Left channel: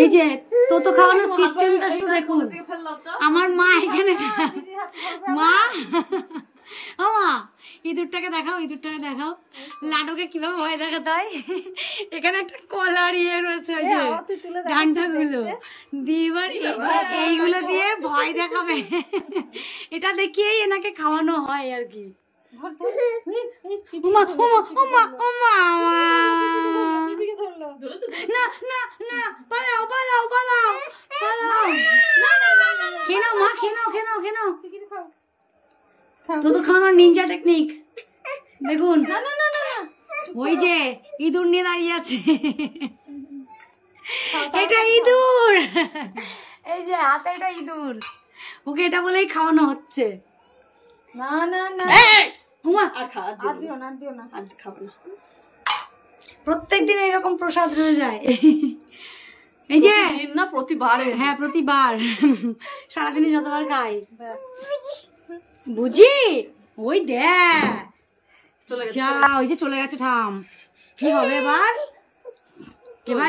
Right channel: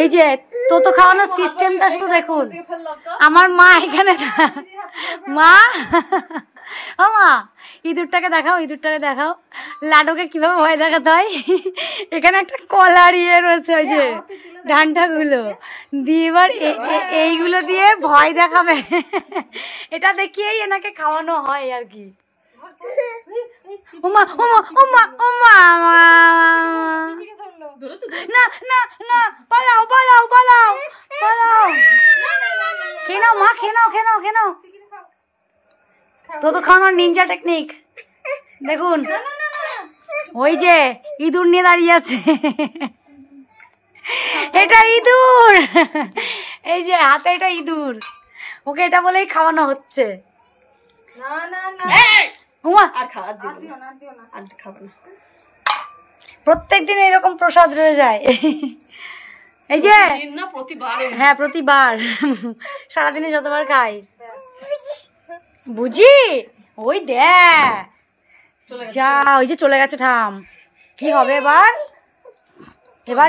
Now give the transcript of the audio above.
এই যে তো খাওয়ানোর সিস্টেমটা শুধু দেখুন। আমার মা এখানে, মা ও মা ইঁদুরটাকে দেখাও, ইঁদুরটাকে দেখাও, লাডুকে কিভাবে ভয় দেখাতে হয়। এখানে একটা কলার ইয়ে রয়েছে, ওই যে ডান্ডাগুলো দিয়ে এবার এইগুলো দিয়ে ভয় দেখাবে। এটা দেখিয়েই এনাকে খাওয়ানো হয় আর কি। ওমা ওমা ওমা ওমা, না না না, পালাও পালাও পালাও পালাও। খেয়ে নাও মা, খেয়ে নাও খেয়ে নাও খেয়ে নাও। তো খাওয়ানোর নিনজা টেকনিক দেখুন। ওই যে ইঁদুর নিয়ে দাঁড়িয়ে আছে, এটা ইঁদুর, এই যে হাতে এটা ইঁদুর, ওকে এটা বলেই খাওয়ানো হচ্ছে। না না না, প্রত্যেক দিন এরকম প্রসাদ রয়ে যায়। এই যে প্রতিবার, হ্যাঁ প্রতিবার, সারাদিনে যতবার খাই বুঝি। ওই দেখ যা, ওই যে চলে গেছে ঠাম। কি হবে এবার, এবার